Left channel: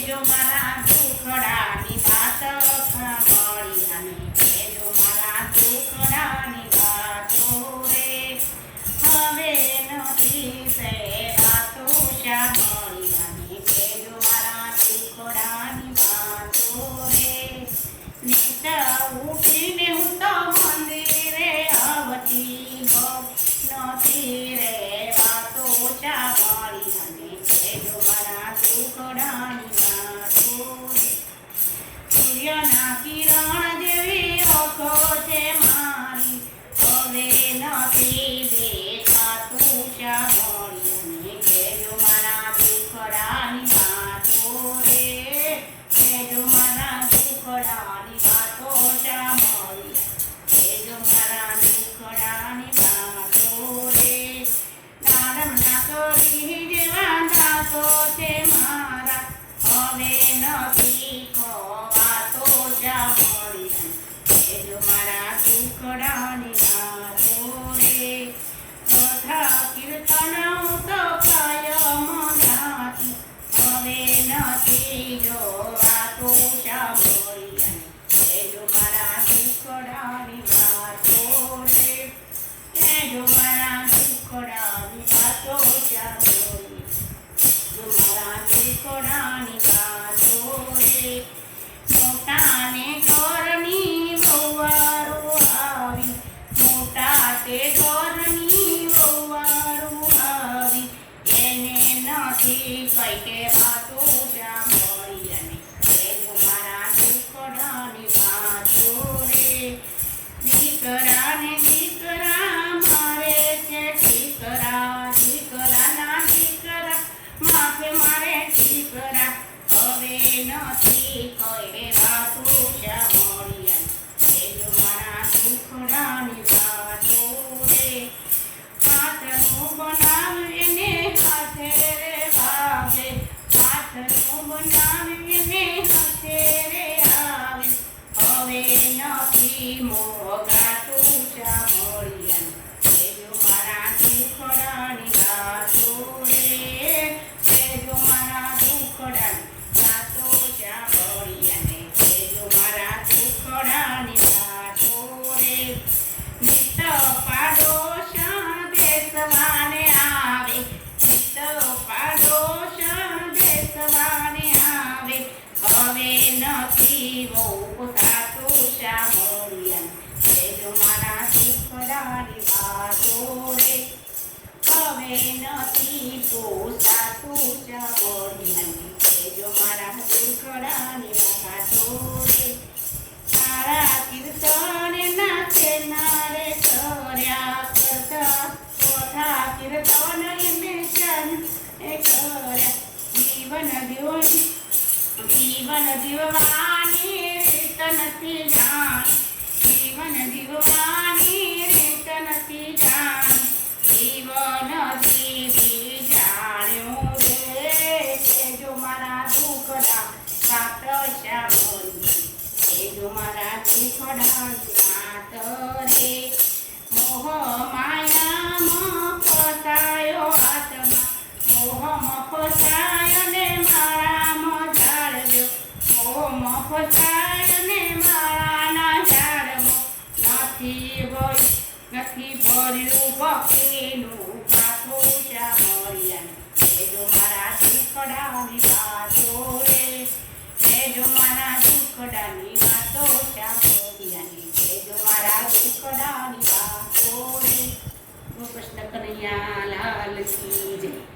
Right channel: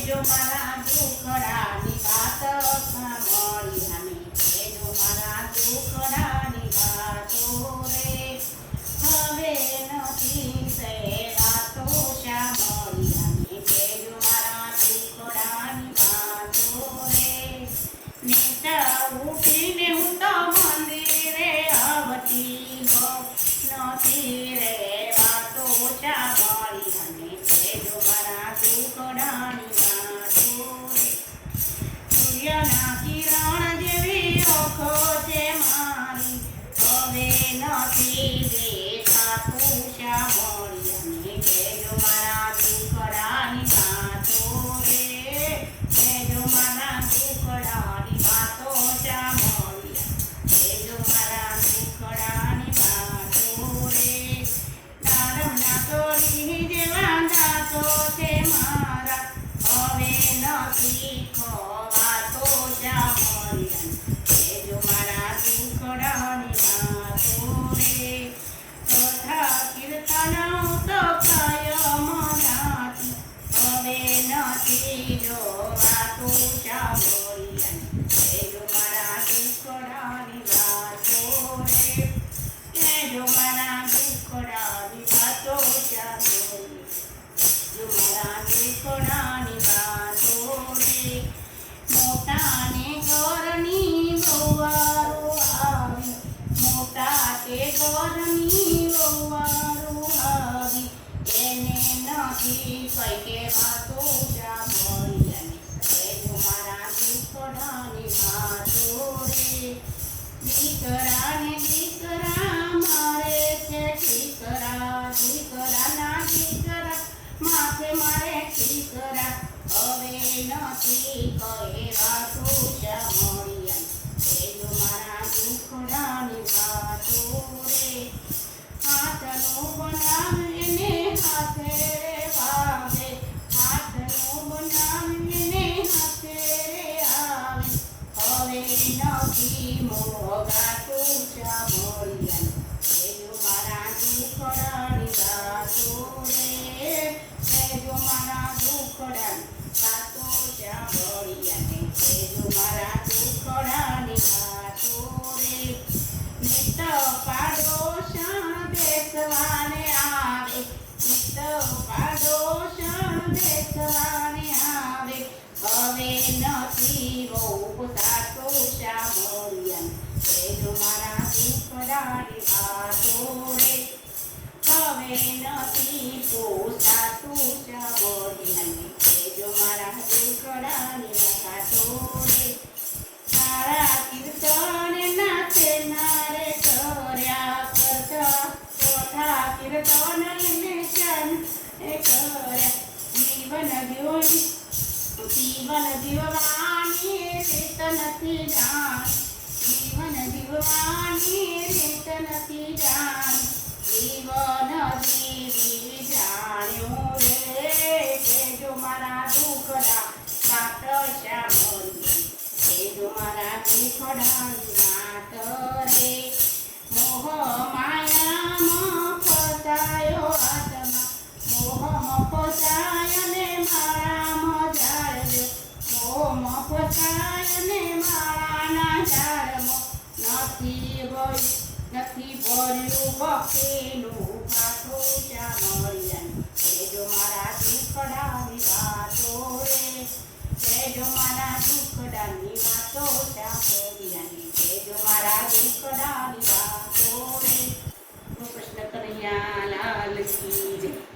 કેજો મારા દુખડાની વાત સાંભળી અને કેજો મારા દુખડાની વાતો રે હવે નથી સેવાતો સાંભળી અને કેજો મારા દુખડાની વાતો રે નીતા ઉઠીને હું તો મંદિરે આવતી નથી રે વાતો સાંભળી અને કેજો મારા દુખડાની વાતો રે સૂર્યના કિરણ જેવી ઓખો છે મારી હવે નથી દેખાતું સાંભળી અને કેજો મારા દુખડાની વાતો રે કેજો મારા દુખડાની વાતો સાંભળી કેજો મારા દુખડાની વાતો રે દાડમના કળી જેવા દાંતો છે મારા હવે નથી ખવાતો સાંભળી કેજો મારા દુખડાની વાતો રે કથા કીર્તન તો કાયમ ગાતી હવે નથી જોવાતો સાંભળી કેજો મારા દુખડાની વાતો રે કેજો મારા દુખડાની વાતો સાંભળી કેજો મારા દુખડાની વાતો રે મોટાને ઘરની વહુવારો આવી મોટા તે ઘરની વહુવારો આવી એને નથી કઈ કે વાતો સાંભળી અને કેજો મારા દુખડાની વાતો રે દીકરાને દીકરા મારે છે દીકરાના દીકરા માથે મારે દીકરા હવે નથી કઈ વાતો સાંભળી અને કેજો મારા દુખડાની વાતો રે હાથનું બનાવીને હાથે રે વાગે હાથનું બનાવીને હાથે રે આવે હવે નથી મોગાતું સાંભળી અને કેજો મારા દુખડાની વાતો રે કેજો મારા દુખડાની વાતો સાંભળી અને કેજો મારા દુખડાની વાતો રે નિત પાડોશણ દેશવાને આવે નિત પાડોશણ દેશવાને આવે હવે નથી પોસાતું સાંભળી અને કેજો મારા દુખડાની વાતો રે હવે નથી પોસાતું સાંભળી અને કેજો મારા દુખડાની વાતો રે તારા કીર્તન નાચે નારે કર્યા કરતા કથા કીર્તન એમને કર્યા જીવન જીવવાની રીત નથી જાણ જીવન જીવવાની રીત નથી જાણ જીવન જીવી જાણ્યું રે કેજો મારા દુખડા કાટ સાંભળી કેજો મારા દુખડાની વાત રે મોહ માયામાં ફસાયો આત્મા મોહમાં ફસાયો ને માળામાં જાળવ્યો મોહમાં ફસાયો ને માળાના ઝાડમાં નથી ભર્યું ભક્તિનું પાછું સાંભળી અને કેજો મારા દુખડાની વાતો રે કેજો મારા દુખડાની વાતો સાંભળી અને કેજો મારા દુખડાની વાતો રે કૃષ્ણ કનૈયા લાલ કી જય.